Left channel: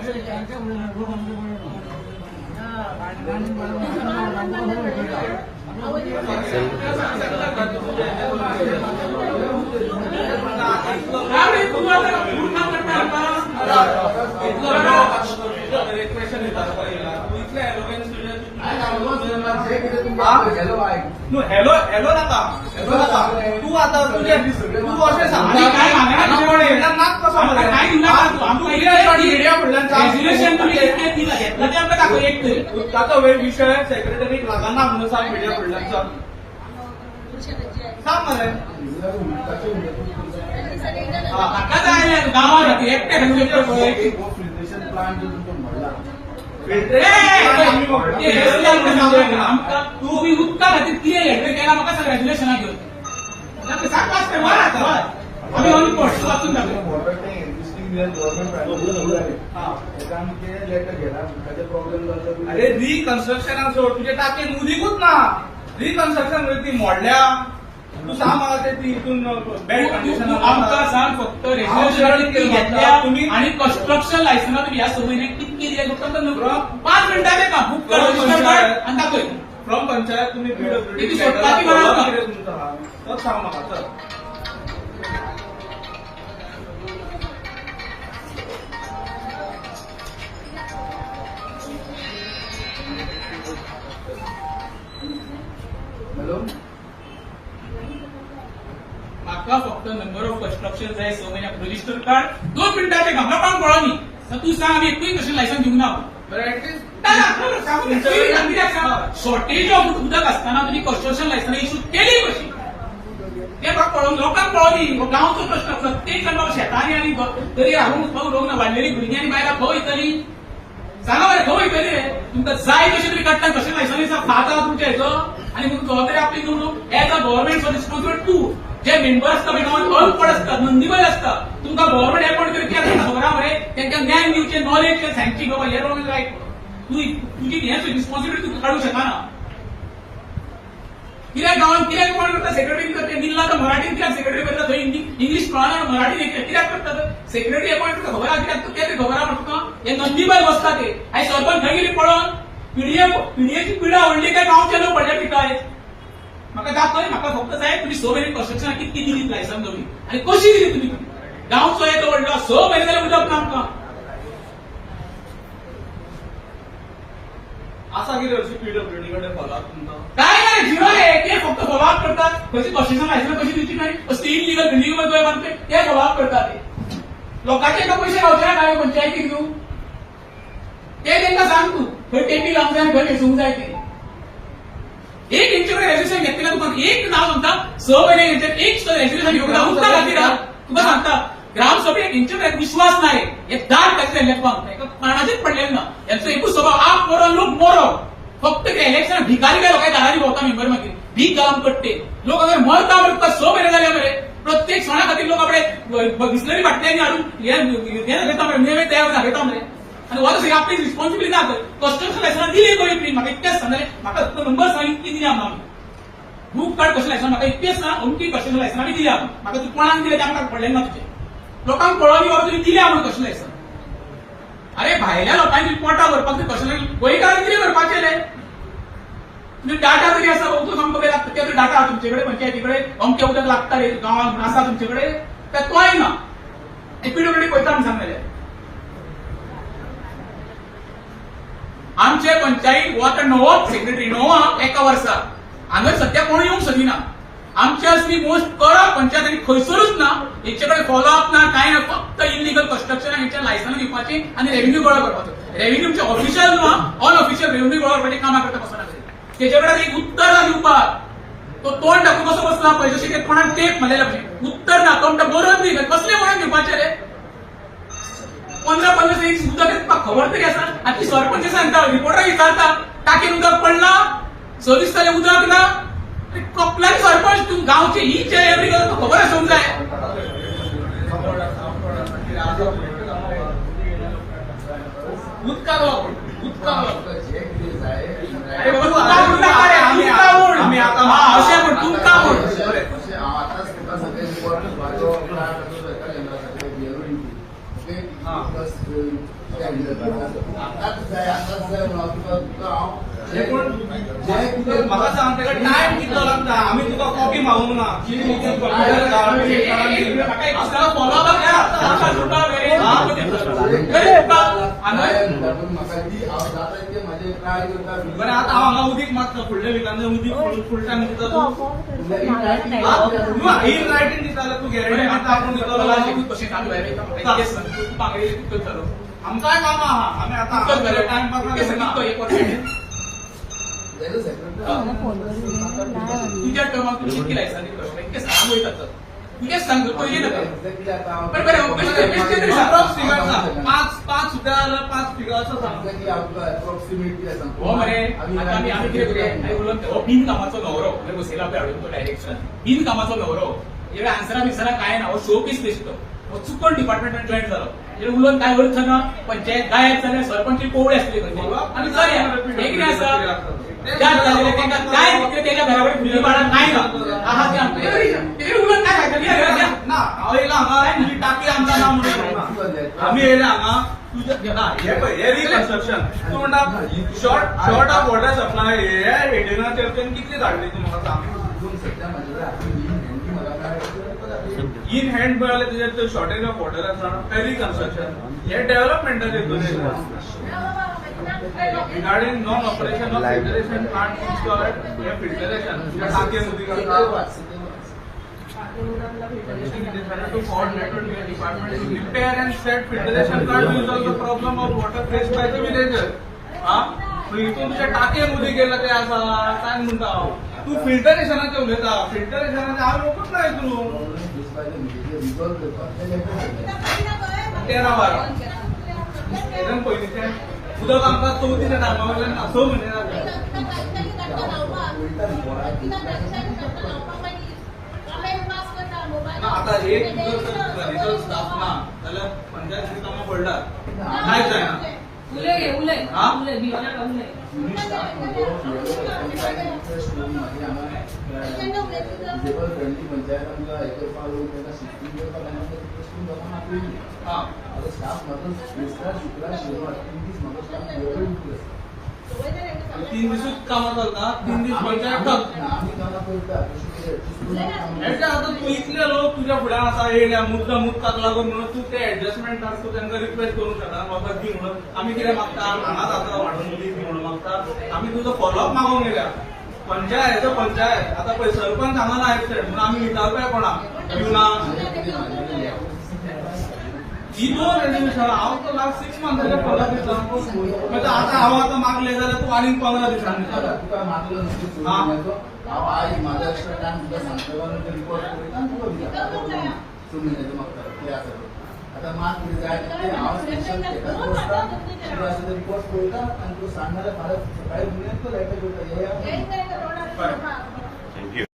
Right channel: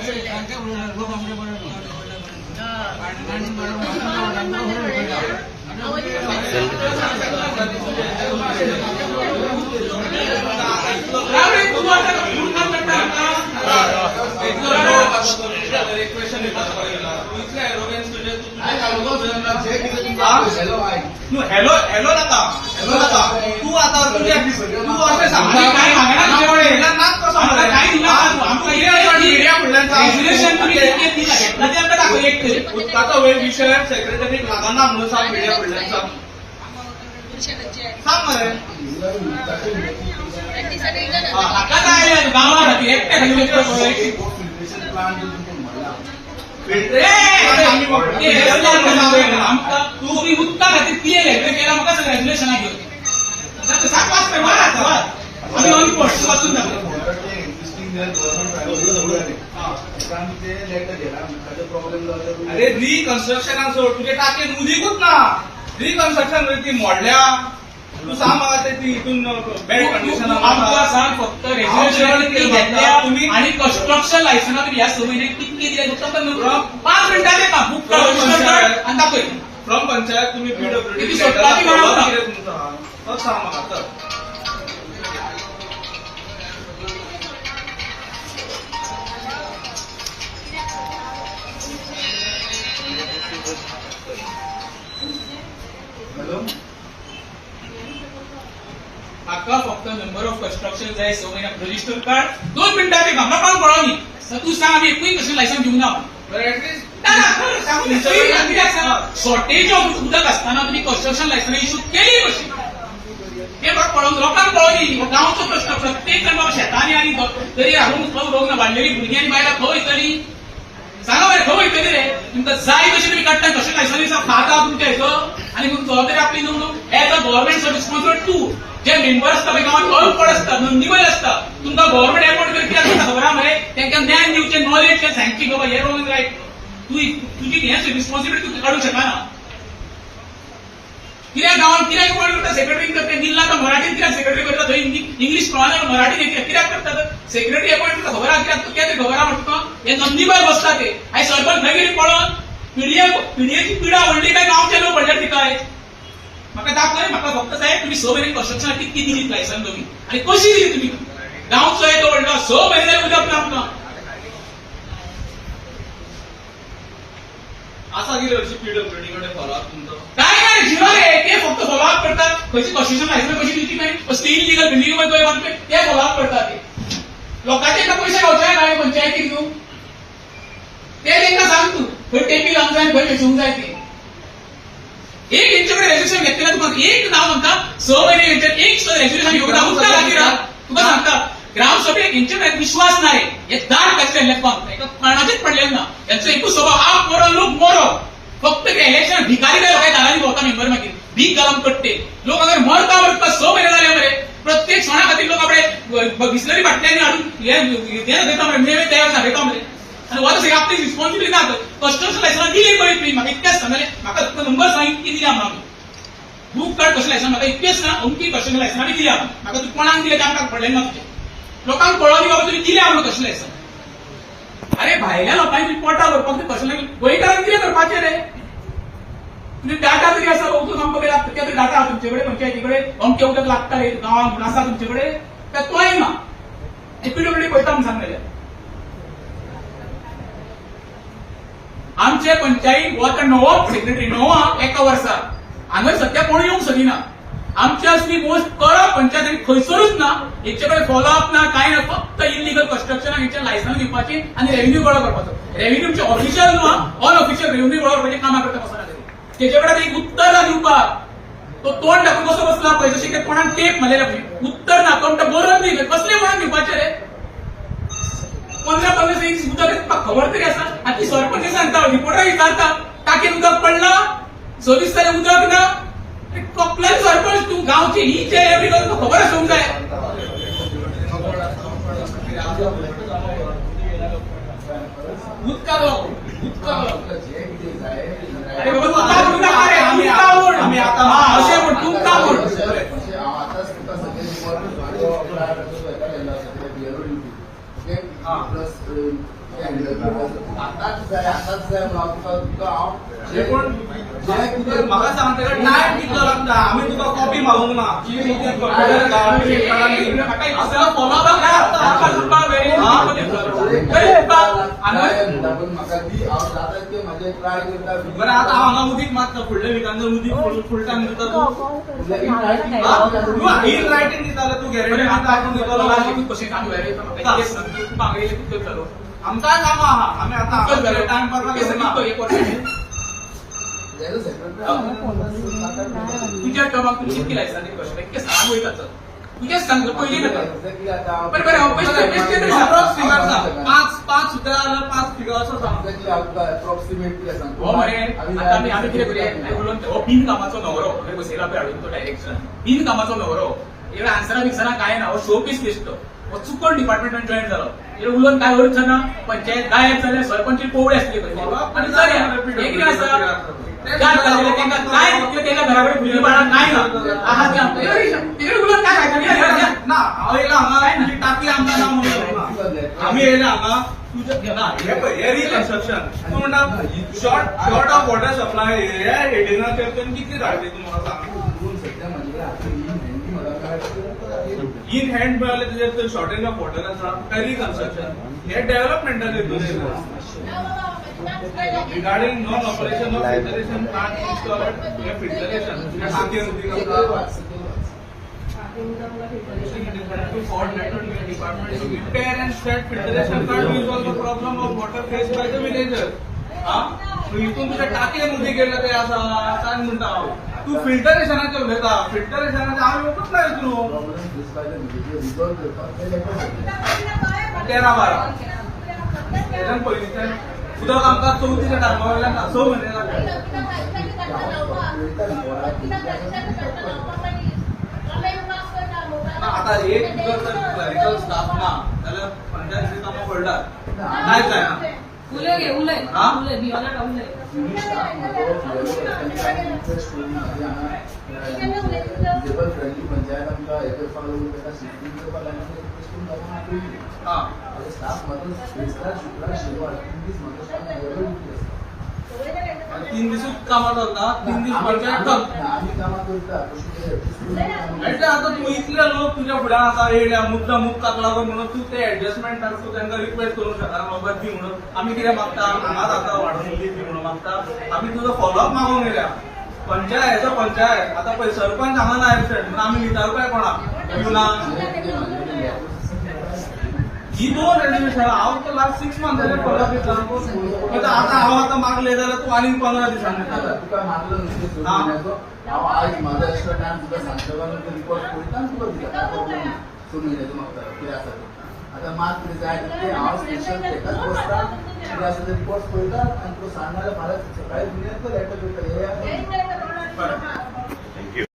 Hello hello नका तू आता तू असे सांगता विषय सेक्रेटरी लागाना म्हणून सांग मीडिया पडल्यांचा सांग मरे गावात एकटे तुम्ही उदका खातीर क्लियर हेक्टर केला म्हाका कॉंग्रॅच्युलेशनाक घेवन आम्ही ऑन पोस्ट वाचून अरे रिकन्स्ट्रक्शनाक सोड तुझे टाकेन उदीकूच ना रिकन्स्ट्रक्शन ती मोडल्या तू सांग म्हाका ते हितून बॅड कंडिशन आमकां सांग फक्त रेजिस्ट्रेशन घेतल्या तुम्ही आणि कन्स्ट्रक्शन लायसन्स ह्या सगळी कितके दिले तुमकां 5 मिनिटांचे काम बुक कर आणि दाखय फ्रॉम पंचायत तुम्ही पीडब्ल्यूडी सांग म्हाका चल हॅलो म्हाका फक्त नंबर ऑफ कन्स्ट्रक्शन जाय स म्हयन्याक रजिस्टर कार्ड 2 मिनिटांचे काम म्हाका कळो न्ही तू सांग आमी एकूय कशें लायसन्स घेवना शॉर्टेज ऑफ उदक असताना तुम्ही कन्स्ट्रक्शन लायसन्स इश्यू केली कशी हे म्हाका कळोन लोकांक कळो न्ही गांवचो प्रश्न प्रत्येक जण बाबा शेतांनी आनी तरी हाडून खंय उडोवंक ना वाडलेली भुरगीं आनी बायलां खंय वयतली सांगा मरे खंय वयतली रे तुमकां जाय तशें तुमी काडटा कशें लायसन्स खाता तुमच्या हेचो आनी मग जबाबदारी आपली न्हू as a government responsible to जे मेंबर असता पळय गांवांत अनपड असता नोंदणीबद्ध असता तुमकां गव्हर्नमेंट अपॉइंट करपी आसता खबर आहा मरे तांकां ज्ञान दिवचें नॉलेज सांगची बाबा हे रॉंग रायट तुजी हेच रिस्पॉन्सिबिलिटी तू काढूंक शकना कित्याक गांवांत कित्याक अपॉइंट करता सेक्रेटरी करता निल्ला तो मराठीन कित्याक सेक्रेटरी करता थंय इंग्लीश कळना मराठीन कित्याक करता सेक्रेटरी अपॉइंट करता खबर आहा कित्याक कितें खबर आहा म्हाका हे नोंदणीबद्ध बसता ते आयज सरपंच खंय गेली पळोवन पिडयेची पिडा व्हडली काय गांवचे लोक व्हडले तिकाय म्हाका दाखय म्हाका फक्त जाय तुम्ही 6 म्हयने कन्स्ट्रक्शन कितकी दिली लायसन्स तुम्ही आनी कशी दिली तुम्ही गांवचो येतो व्हडलो 6 म्हयने उदक ना आमकां असा कितें हरशी पीडब्ल्यूडी कडेन फॉलोअप तुमचो काय नाही झिरो रे ते फक्त फॉलोअप करतात खंयची कन्स्ट्रक्शन लायसन्स कशी दिवची काय कसली इलिगल बिल्डिंग मध्ये बांधते ते फॉलोअप करतात ते लोकांचे एका पैसे गावचे काय पंचायतीक न्हू ते तांकां सांग तू खंय टेबी लावंक जाय खंय वेचूंक जाय ते एक तेंच्याकडे रेजिस्ट्रेशन घेतलेलं तुका एक नाव म्हणता 6 महिने एक रेजिस्ट्रेशन घेऊन उदका खातीर तुका सांगता ग्रामसभेक हेंचेर विश्वास नाही हे दाट कसले लेखपाक काणाचेच पडलेले ना यांचो एकूच स्वभाव आप मरो लोक मरो फक्त ते इलेक्शन भिकारी लोकांनी दारांनी भोवता मेंबर मागीर भीक घालून कट्टे लोक अगर मरता 6 महिने जाले मरे प्रत्येक सणा खातीर लोक आपले बिस्लरी बाटल्यांनी हाडून हे देता मरे नेवे तयार घेता मरे आणि वॉट इज आपली रिस्पॉन्सिबिलिटी ना कन्स्ट्रक्शन लायसन्स दिली पळय तुमी म्हाका इतकेच सांगले म्हाका नंबर सांग इतकी दिली आमी बुक कार्ड कशें लायसन्स म्हाका इतकेच ना अमकी कन्स्ट्रक्शन लायसन्स आमी दिली म्हाका तू कोणाक दिले ते आमकां पडलें ना तुजें लोकांक कळोनी बाबा तुमी दिल्या म्हणून कशें लायसन्स अरे भायल्या लोकांनी रिपोर्टां भरपाक कशें गोंयकारांक कितें करपाचें रे तुमी डाटा तरी आसा वचून आमकां लागता ते डाटा तुमचे कडेन पंचायती कडेन अमके उदक लागताले गांवांत आसा तुमचे कडेन तें तोय ना पीडब्ल्यूडी पळयता म्हूण सांगलेलें आमचे पंचायत हो आता नवो सेक्रेटरी नवो एका वर्सा हांगा सध्या कोण येवंक सोदिना आमचे असली मोस्ट कडक पंचायत आनी खंयसरूच ना हेचे कडेन फॉलोअप ना कांय ना फक्त इलिगल कन्स्ट्रक्शनाक हेचे लायसन्स दिवपाची आनी रेव्हेन्यू गोळा करपाचो रेव्हेन्यूचे ऑफिशियल न्हू अनऑफिशियल रेव्हेन्यू गोळा करपाची कामां करता बसना तेचे कडेन एक उत्तर ना दिवपाक तो तोंड दाखोवन कसो बसला पळय जशें की कोणाक टेप मारलेला उत्तर ना अकाउंट बरोवन दी कसले म्हणून दिवपाचे रे 15-15 इंच उदक खबर तरी आसा आनी ती सरपंच सांगता रिपोर्टर विचारता टाकीन उदक पडला 6 दीस जाले उदक ना कपलानी सरपंच तू गांवची ही जे एवरी खबर आसूंक जाय उदका अरे आमी आतां अशें म्हण तुमकां म्हण आताच जाय म्हणून तुका हांव म्हाका सांगता का टायम कितलो लागता आमी तुका कॉपी मागूंक ना बरें आतां हांव हांगा उदीक मागता फुडल्या विकान उदीक फुल टायम दिता तूं इन रायटींग दितालो तूं गॅरंटी दितालो आमकां कामां आहा आमी आतां टायम पास तुझ्या टर्माक तुमी कितके लायसन्स कशें इतके सांग वयता तर तुजेच सांग पयली नाका बरें बरें बेश्टे अप्रॉक्सिमेट सांग पांच सुद्दां जाल्यार 5 फिगर असो सांग हो मरे आता आमी कितें करूया उलोवन हो बिन कामाचो न्हवरो बसयला पळय हाडून तो डायरेक्शन बिन कामाचो न्हवरो इकडे आन्सरा बिन्सरा काय ना हो शो पीस दिसतो हो चुकून डिपार्टमेंटान जॉईन जालो इकडे उलोवन काय अर्थ ना पंचायत गायब जाल्यार सरपंच पोवळे असले आनी चलया एक कितें आसा काय त्याला घराकडे खुली बाळा नाही उलट काय ना हांव येयला हांगा तुजी टाकी आमकां ना म्हणून आमी येयला हांगा तुजें ना हे पळय हे रिकन्स्ट्रक्शन तूं म्हणटा शॉर्ट ऑफ वॉटर सप्लाय हे हेडिंगा चर्चेन कितली धाडली तूं म्हाका सांग इन हँड पळयलें तुजें शॉर्टेज ऑफ वॉटर आसा काय रिकन्स्ट्रक्शन हे डेव्हलपमेंटाचेर तुजें regarding non-operation of filtration plant installed filtration टाके उदीक to coordinate with the department to repair and set filtration plant to resolve the problem of water faced by the villagers. इथून तुझ्या टाके उदीक गेलं ते आसा काय म्हणटा तू फिल्टरेशनाचे उलयता फिल्टरेशनाचे हांव येवपूच ना हितून 13-12 हेजन पयलींचे उदक आमकां 34 टायमा वयल्यान 6 म्हयने आतां एक जर क्लरिकल स्टाफ ना जाल्यार पंचायत कामां पडटात नायच जायना तीन दिसूच कामां चलता 3 दीस पंचायत आता तू इतले लोक तुझ्या फुड्यान आसा येयल्या मुद्दाक लागून म्हणून तू ते एडजस्टमेंट तूं तांकां रिक्वेस्ट करूंक शकना बाबा दी म्हणून आमी कितें मागता हांगा जाता वाडून उदीक दी म्हणून मागता आमी तुजो फॉलोअप मागूंक येयल्या पंचायत पंचायत आता पळय सरपंच हांगा ना एबसेंट म्हणून आमी विचारताय कोणाक पिवना ही 2 रेजोल्युशन हांव तो लास्ट 6 मंथ जाले फॉलोअप दिता आता हांव आतां मागले जाल्यार तूं आनीक 15 दिसांनी तुका मागलो न्हू हांव आज म्हाजो एक्स्ट्रा टायम तुका सांगता रिपोर्ट करता तुका दिता सो म्हयन्याचो मागता कितें आसा आतां मात कितें जाय तें हांव स्पेशल तेकाच बसता तुका आसा ते रिपोर्ट करता आनी तुका सांग जाल्यार फाल्यां सकाळीं फुडें तो लेटर करता हे